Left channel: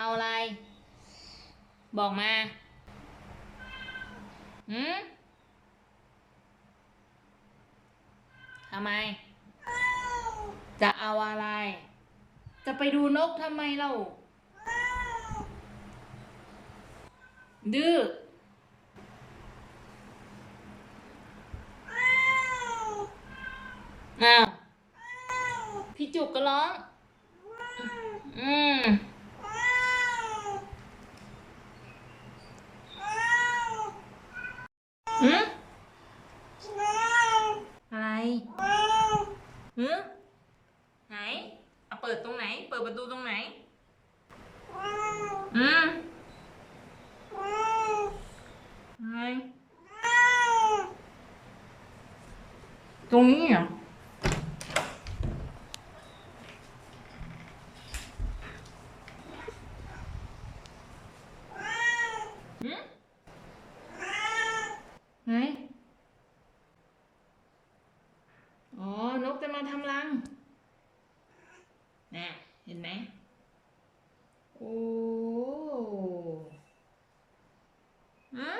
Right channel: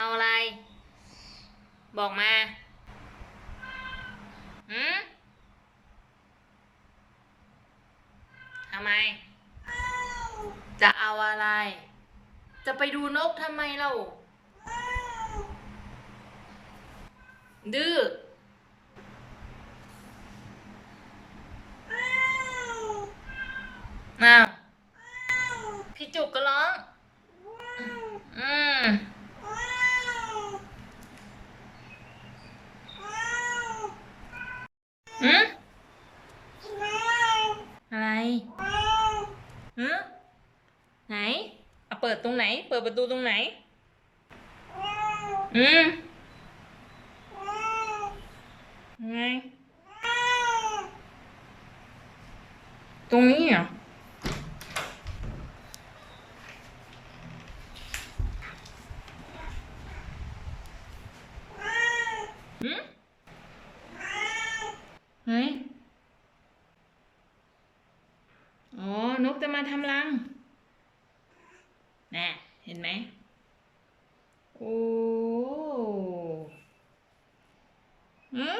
เอาอะไร บอกมาหืมทำไม จะเอาอะไร จะไปดูนกทำไมเล่าดื้ออ้าวพี่จุกก็ร้อง อืมหืมอะไรหืมไหนเอาเปิดตรงไหน เปิดประตูตรงไหน อืมไง ตรงนี้เหรอหืมไหนอ๋อนกจะมาทำรังน่ะเห็นไหม โอ้หืม